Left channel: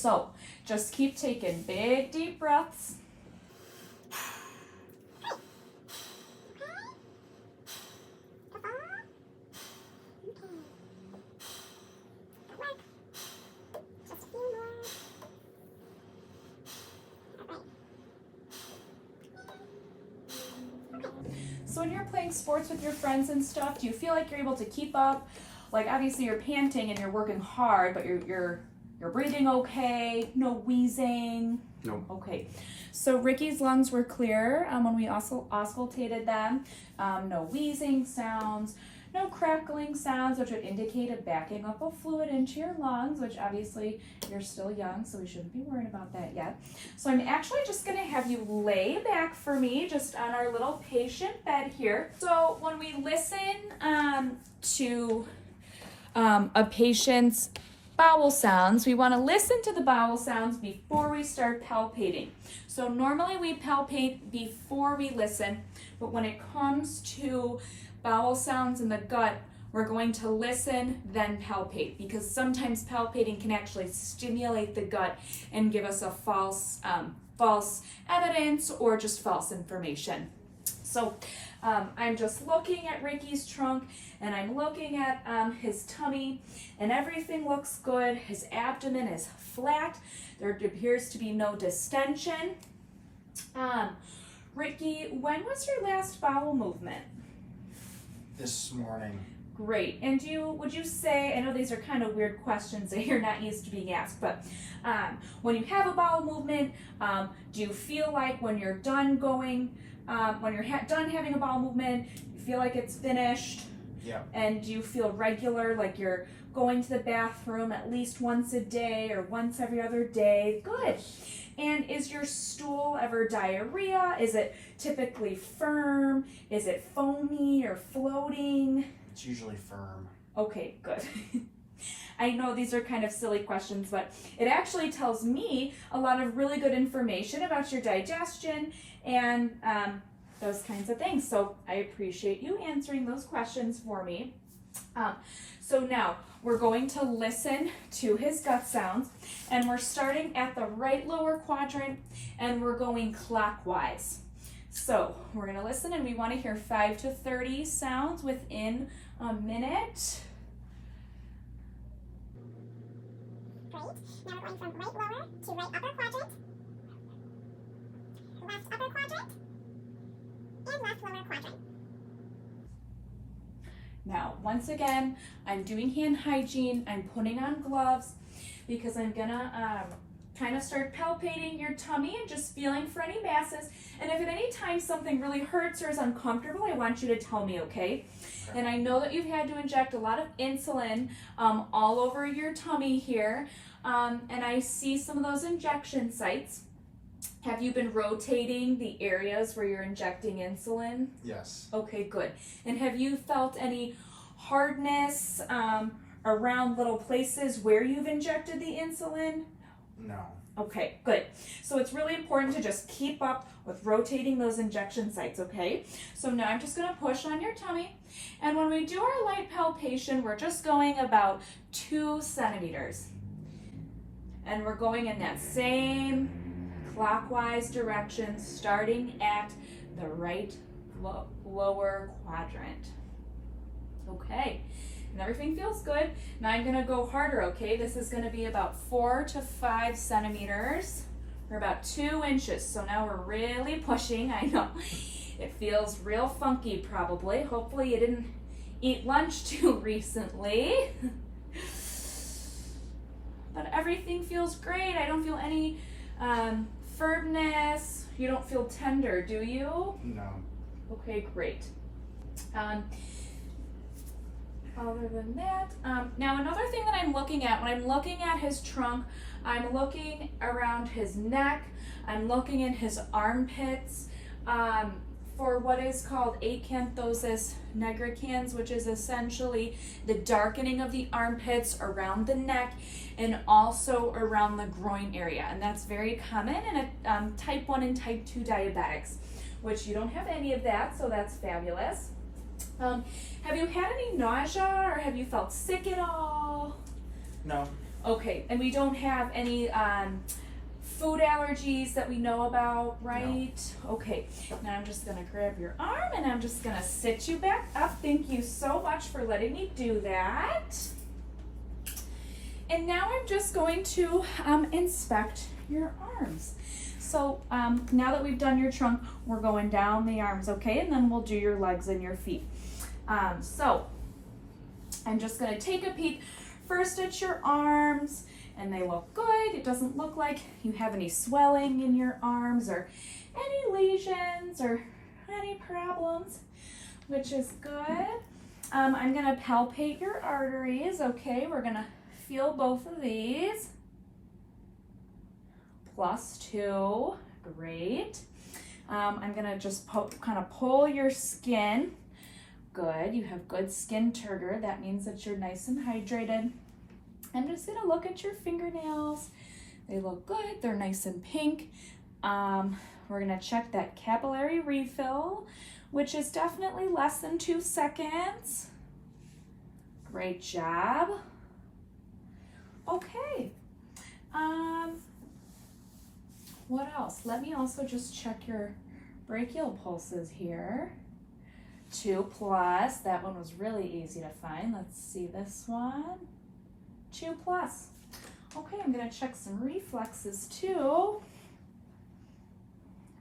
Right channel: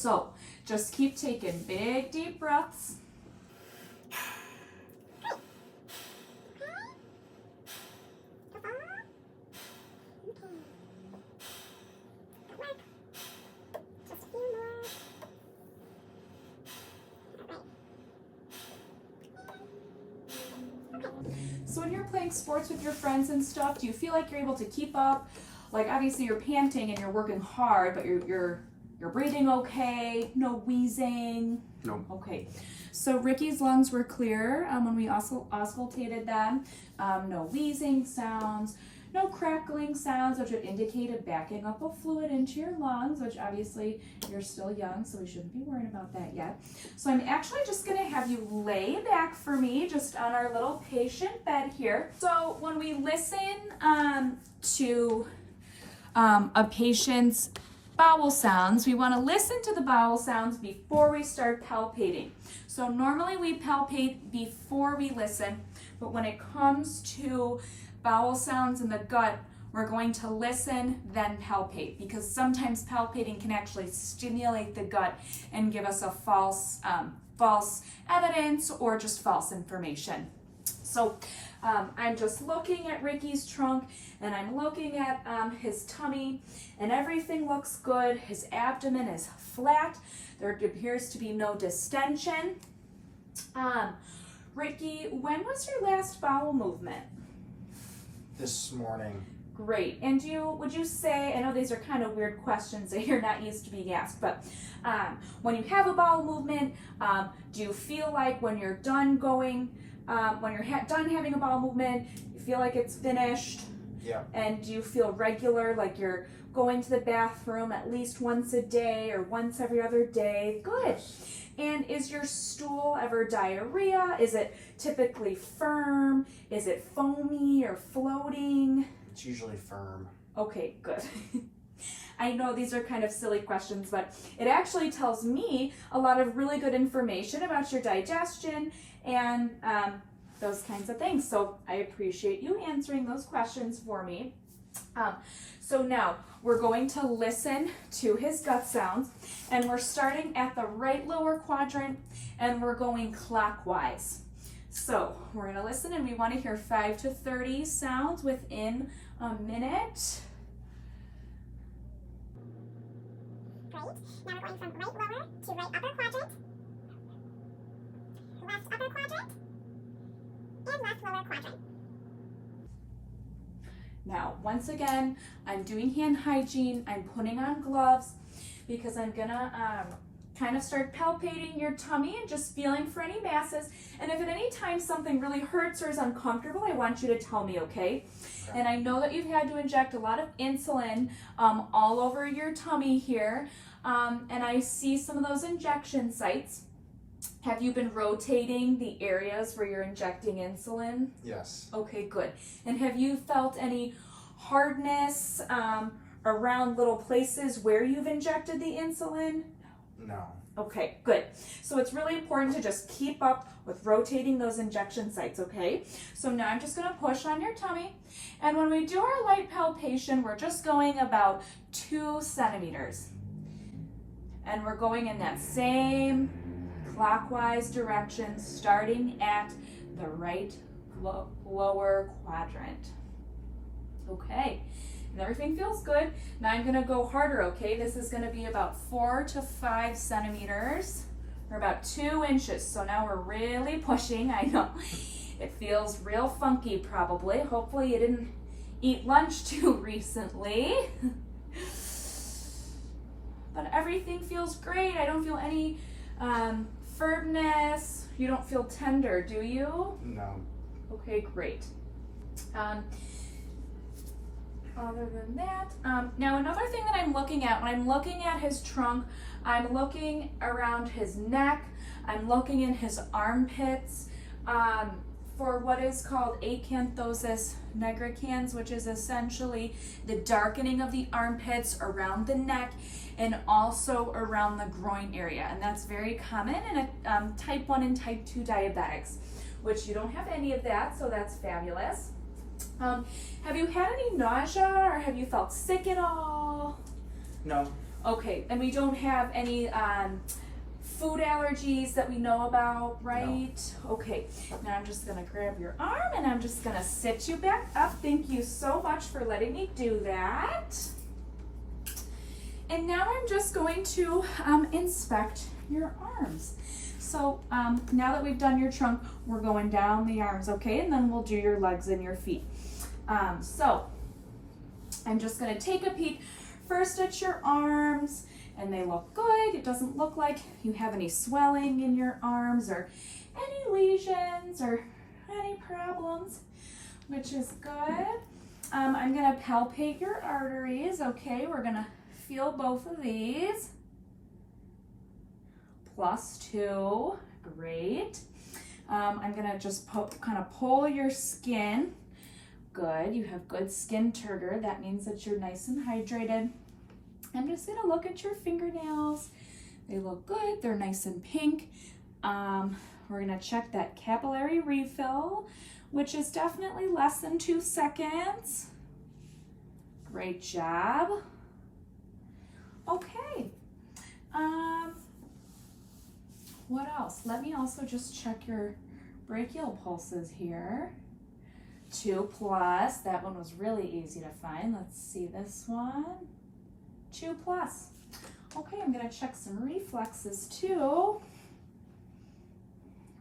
So just keep taking big deep breaths. So when you're playing sports with your friends and stuff, do you feel like you're able to keep up? Like obviously you're panting and you're working hard, but you're breathing okay, no wheezing? No. Okay. So Ricky's lungs were clear when we also auscultated them. No wheezing sounds, no crackling sounds, which would indicate a backing up of fluid into your lungs, which obviously you're still young, so we shouldn't be worried about that yet. So I'm actually just gonna have you lay back for me, just on our little patient bed here. So when we listen to a patient's bowel sounds, we want to listen to the bowel sounds before we start palpating. So normally we palpate before we listen, but when it comes to bowel sounds in the gut, we're going to listen, then palpate, because sometimes palpating can actually stimulate the gut and give us a false evidence or just false information. So I'm just looking at Ricky's trunk and I'm looking at his tummy, and everything looks good. His abdomen is flat. There appears to be no distension. Ricky, when was your last bowel movement? This morning. Great. And would you say, I know these are kind of weird questions that you're not used to being asked, but when you have a bowel movement, do you feel like when you're done going, when you're done having a bowel movement, you feel like it's finished? Yeah. And do you feel regular, like you're going to the bathroom at least once a day or once every other day? Good. Yes. And is your stool ever diarrhea? Is it typically firm? Is it foamy or floating? It's usually firm. Okay, good. I know these are kind of silly questions, but it actually tells me a lot of really good information about your digestion and those kinds of things. So I appreciate you answering those questions for me. So now we're going to listen to his gut sounds, and we're starting at the right lower quadrant and we're going clockwise. So we're going to listen, and we want to hear 5 to 30 sounds within a minute. Great. Now we're going from right lower to right upper quadrant, left upper quadrant, and left lower quadrant. Now, once again, I'm doing hand hygiene. I'm putting on gloves because I'm gonna kind of start palpating your tummy and just feeling for any masses. And if at any time something really hurts or is uncomfortable, I want you to tell me, okay? And I know that you've had to inject a lot of insulin all over your tummy here. And I see some of those injection sites. Have you been rotating the areas where you're injecting insulin? Yes. Okay, good. And have you felt any hardness around little places where you've injected the insulin? No. Okay, good. So it's really important to just keep up with rotating those injection sites, okay? So now I'm just gonna push on your tummy. And when we do our light palpation, we're just going about 2 centimeters. And we're going in that same clockwise direction, starting at the right lower quadrant. Okay, and everything feels good. Now I'm gonna go harder, okay? This is gonna be about 4 to 5 centimeters, or about 2 inches. So now we're really pushing. I know it feels real funky probably. Hopefully you didn't eat lunch too recently. But everything feels great. I don't feel any firmness. You don't feel tender, do you? No. Okay, great. Other than that, now another thing that I'm looking at, when I'm looking at his trunk, I'm looking around his neck, I'm looking in his armpits for what is called acanthosis nigricans, which is essentially the darkening of the armpits around the neck and also around the groin area. And that's very common in type 1 and type 2 diabetics, which you don't have any of that, so that's fabulous. Have you had any nausea or have you felt sick at all? No. Okay, and we don't have any food allergies that we know about, right? No. Okay, now I'm just gonna grab your arm and I'm just gonna sit you back up. Thank you so much for letting me do that. And now I'm just going to inspect your arms. So now that we've done your trunk, we're going down the arms, okay? And then we'll do your legs and your feet. So I'm just gonna take a peek first at your arms, and they look good. It doesn't look like you have any swelling in your arms or any lesions or any problems, which is good. I'm gonna palpate your arteries, okay? We're gonna feel both of these. +2, great. I'm gonna just kind of pull your skin. Good, you have good skin turgor. That means that you're nice and hydrated. I'm just gonna look at your fingernails. They look good, they're nice and pink. We're gonna check that capillary refill, which is definitely less than 2 seconds. Great job. Okay, what else? Let me also just check your brachial pulses here. 2+, that one was really easy to find. Let's see this one. 2+. Okay, I'm gonna check some reflexes too.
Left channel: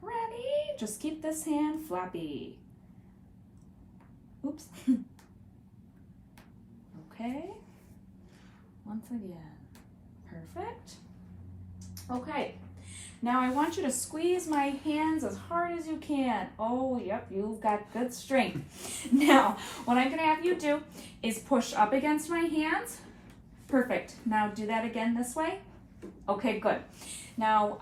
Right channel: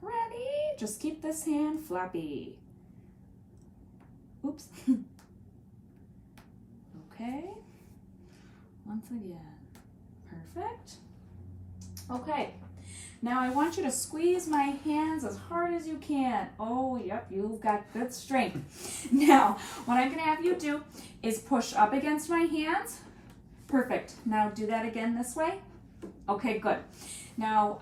Ready? Just keep this hand flappy. Oops. Okay, once again. Perfect. Okay, now I want you to squeeze my hands as hard as you can. Oh, yep, you've got good strength. Now, what I'm gonna have you do is push up against my hands. Perfect. Now do that again this way. Okay, good. Now,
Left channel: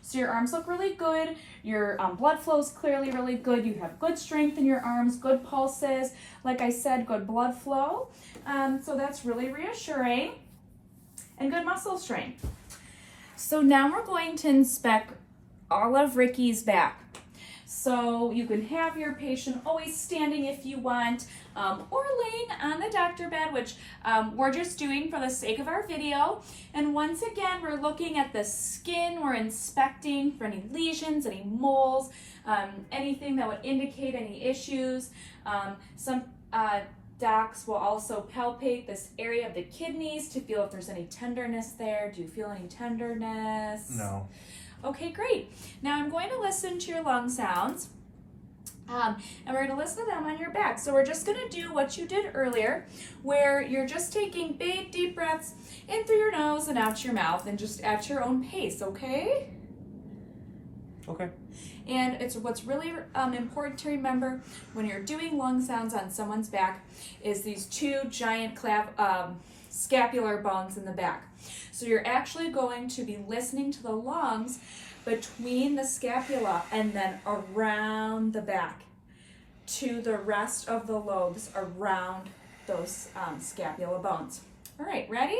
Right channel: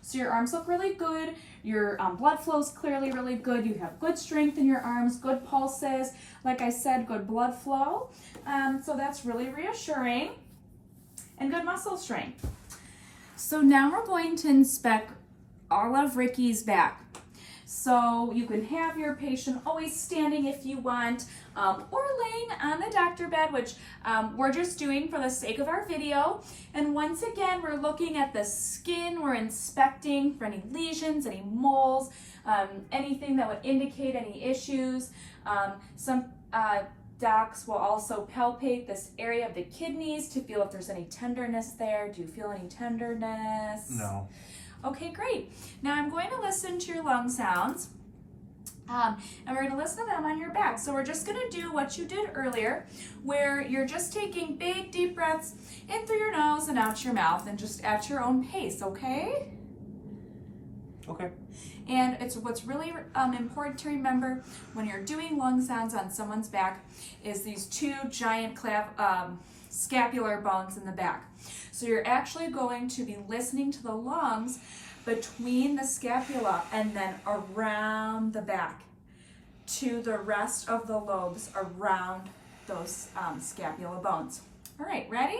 so your arms look really good. Your blood flow is clearly really good. You have good strength in your arms, good pulses. Like I said, good blood flow. So that's really reassuring. And good muscle strength. So now we're going to inspect all of Ricky's back. So you can have your patient always standing if you want, or laying on the doctor bed, which we're just doing for the sake of our video. And once again, we're looking at the skin. We're inspecting for any lesions, any moles, anything that would indicate any issues. Some docs will also palpate this area of the kidneys to feel if there's any tenderness there. Do you feel any tenderness? No. Okay, great. Now I'm going to listen to your lung sounds, and we're going to listen to them on your back. So we're just going to do what you did earlier, where you're just taking big, deep breaths in through your nose and out your mouth, and just at your own pace, okay? Okay. And what's really important to remember when you're doing lung sounds on someone's back is these 2 giant scapular bones in the back. So you're actually going to be listening to the lungs between the scapula and then around the back to the rest of the lobes around those scapula bones. All right, ready?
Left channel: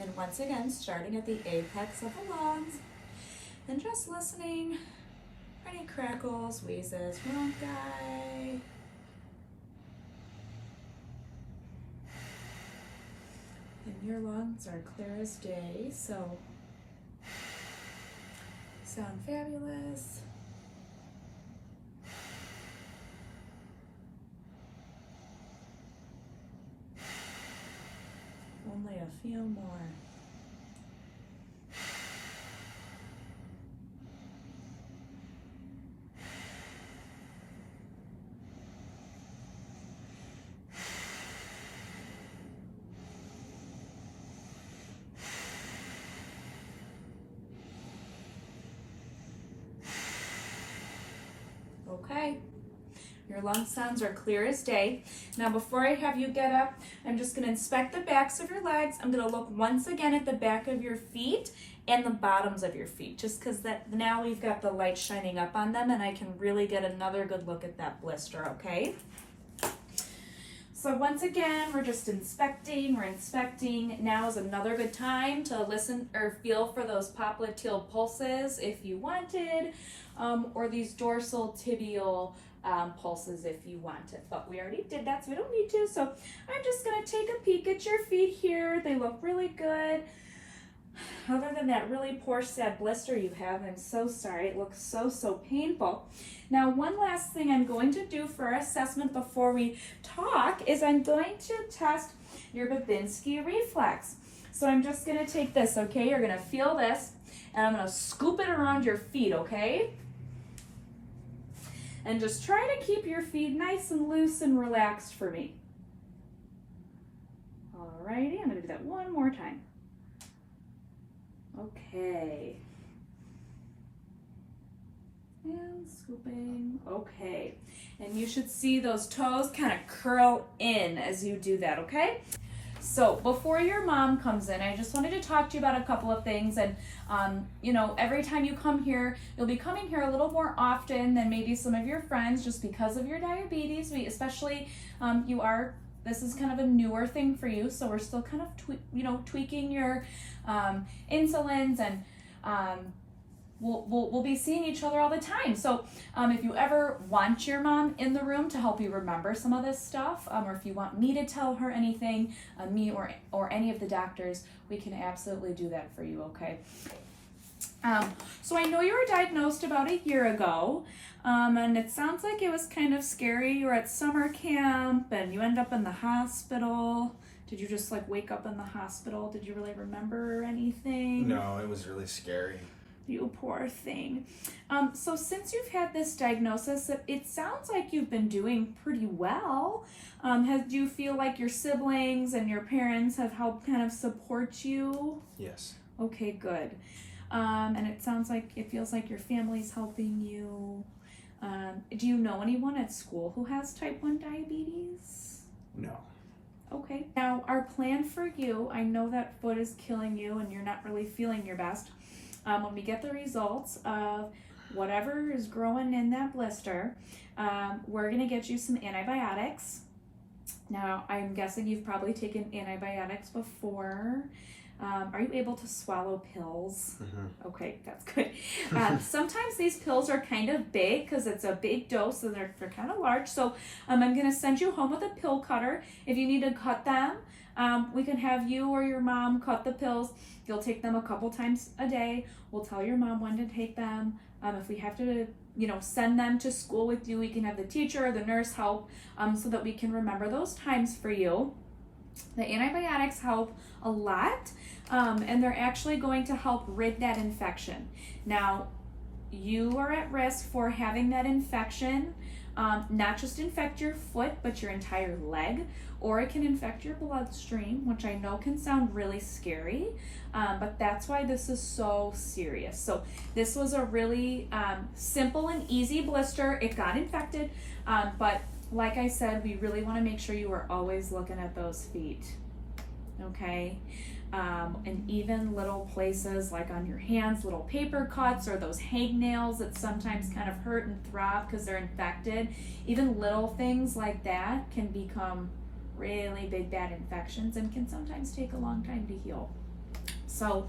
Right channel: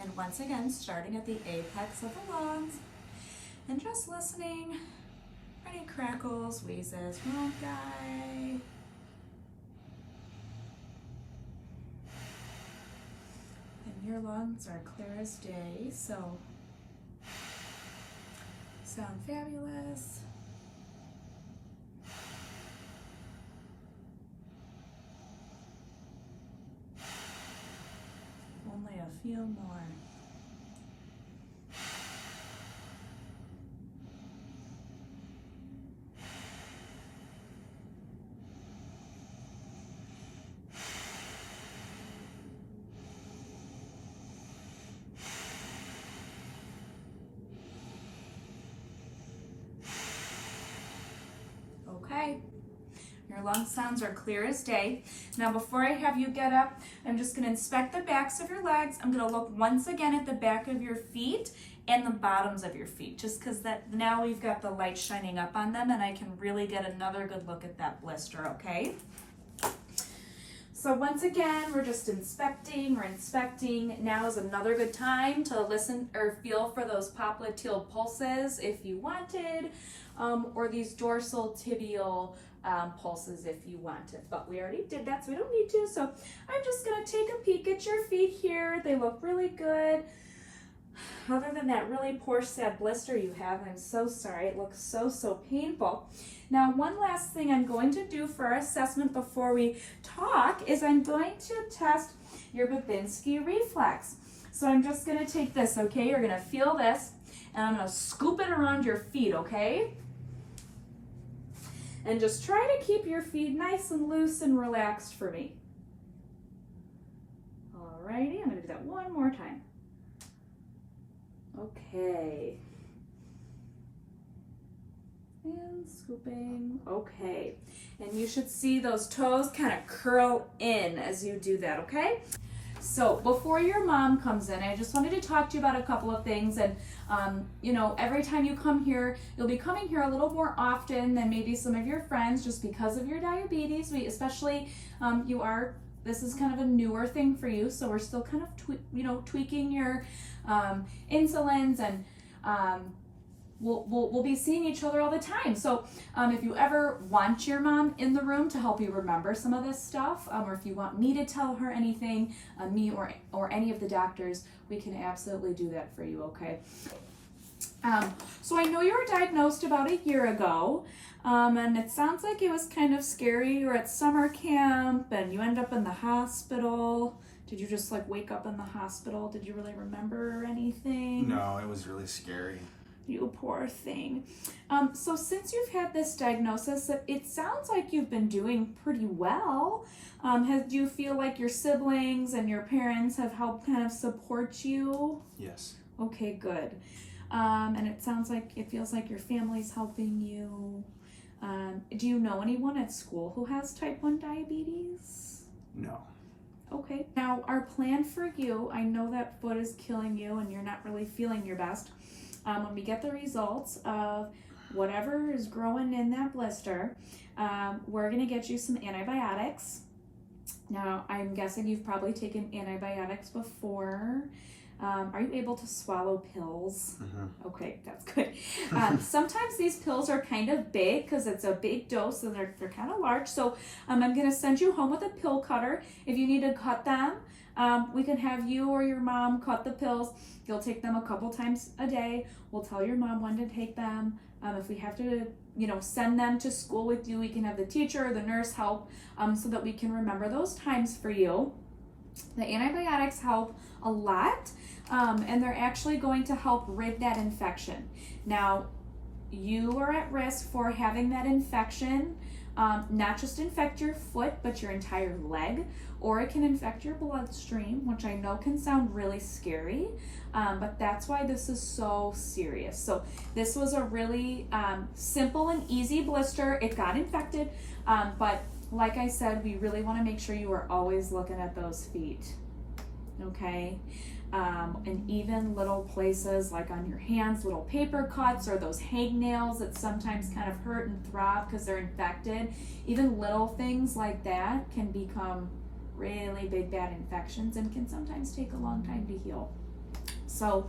And once again, starting at the apex of the lungs, and just listening for any crackles, wheezes, bronchi. And your lungs are clear as day, so sound fabulous. Only a few more. Okay, your lung sounds are clear as day. Now before I have you get up, I'm just gonna inspect the backs of your legs. I'm gonna look once again at the back of your feet and the bottoms of your feet, just because that now we've got the light shining up on them and I can really get another good look at that blister, okay? So once again, we're just inspecting, Now is another good time to listen or feel for those popliteal pulses if you wanted, or these dorsal tibial pulses if you want it, but we already did that, so we don't need to. So I'm just gonna take a peek at your feet here. They look really good. Other than that really poor sad blister you have, I'm so sorry. It looks so painful. Now, one last thing I'm going to do for our assessment before we talk is I'm going to test your Babinski reflex. So I'm just gonna take this, okay? You're gonna feel this, and I'm gonna scoop it around your feet, okay? And just try to keep your feet nice and loose and relaxed for me. Alrighty, I'm gonna do that one more time. Okay. And scooping, okay. And you should see those toes kind of curl in as you do that, okay? So before your mom comes in, I just wanted to talk to you about a couple of things. And you know, every time you come here, you'll be coming here a little more often than maybe some of your friends just because of your diabetes. Especially, this is kind of a newer thing for you, so we're still kind of tweaking your insulins, and we'll be seeing each other all the time. So if you ever want your mom in the room to help you remember some of this stuff, or if you want me to tell her anything, me or any of the doctors, we can absolutely do that for you, okay? So I know you were diagnosed about a year ago, and it sounds like it was kind of scary. You were at summer camp and you end up in the hospital. Did you just like wake up in the hospital? Did you really remember anything? No, it was really scary. You poor thing. So since you've had this diagnosis, it sounds like you've been doing pretty well. Do you feel like your siblings and your parents have helped kind of support you? Yes. Okay, good. And it feels like your family's helping you. Do you know anyone at school who has type 1 diabetes? No. Okay. Now, our plan for you, I know that foot is killing you and you're not really feeling your best. When we get the results of whatever is growing in that blister, we're going to get you some antibiotics. Now, I'm guessing you've probably taken antibiotics before. Are you able to swallow pills? Mm-hmm. Okay, that's good. Sometimes these pills are kind of big because it's a big dose and they're kind of large. So I'm going to send you home with a pill cutter. If you need to cut them, we can have you or your mom cut the pills. You'll take them a couple times a day. We'll tell your mom when to take them. If we have to, send them to school with you, we can have the teacher or the nurse help so that we can remember those times for you. The antibiotics help a lot, and they're actually going to help rid that infection. Now, you are at risk for having that infection not just infect your foot, but your entire leg, or it can infect your bloodstream, which I know can sound really scary, but that's why this is so serious. So this was a really simple and easy blister. It got infected, but like I said, we really want to make sure you are always looking at those feet, okay? And even little places like on your hands, little paper cuts or those hangnails that sometimes kind of hurt and throb because they're infected, even little things like that can become really big bad infections and can sometimes take a long time to heal. So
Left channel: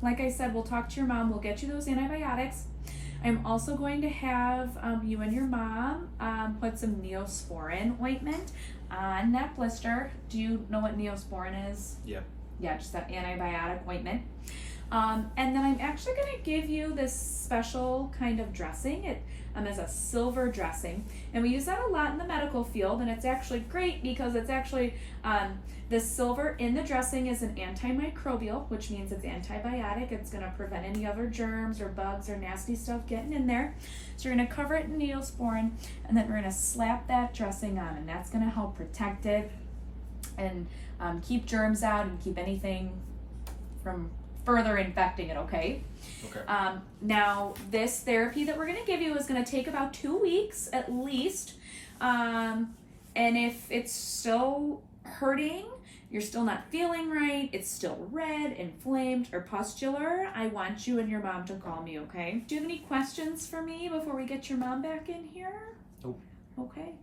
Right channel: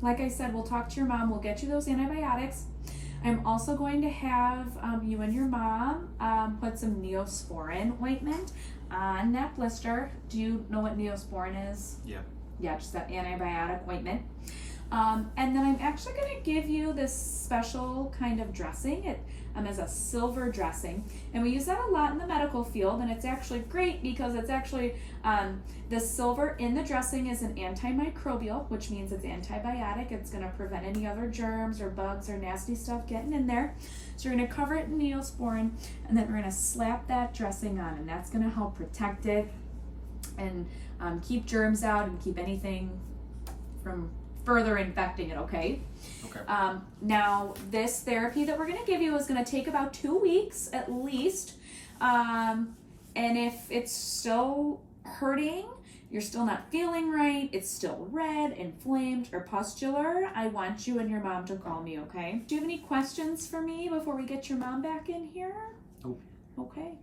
like I said, we'll talk to your mom, we'll get you those antibiotics. I'm also going to have you and your mom put some Neosporin ointment on that blister. Do you know what Neosporin is? Yep. Yeah, just that antibiotic ointment. And then I'm actually going to give you this special kind of dressing. It is a silver dressing, and we use that a lot in the medical field, and it's actually great because it's actually the silver in the dressing is an antimicrobial, which means it's antibiotic. It's going to prevent any other germs or bugs or nasty stuff getting in there. So you're going to cover it in Neosporin, and then we're going to slap that dressing on, and that's going to help protect it and keep germs out and keep anything from further infecting it, okay? Okay. Now, this therapy that we're going to give you is going to take about 2 weeks at least. And if it's still hurting, you're still not feeling right, it's still red, inflamed, or pustular, I want you and your mom to call me, okay? Do you have any questions for me before we get your mom back in here? Nope. Okay.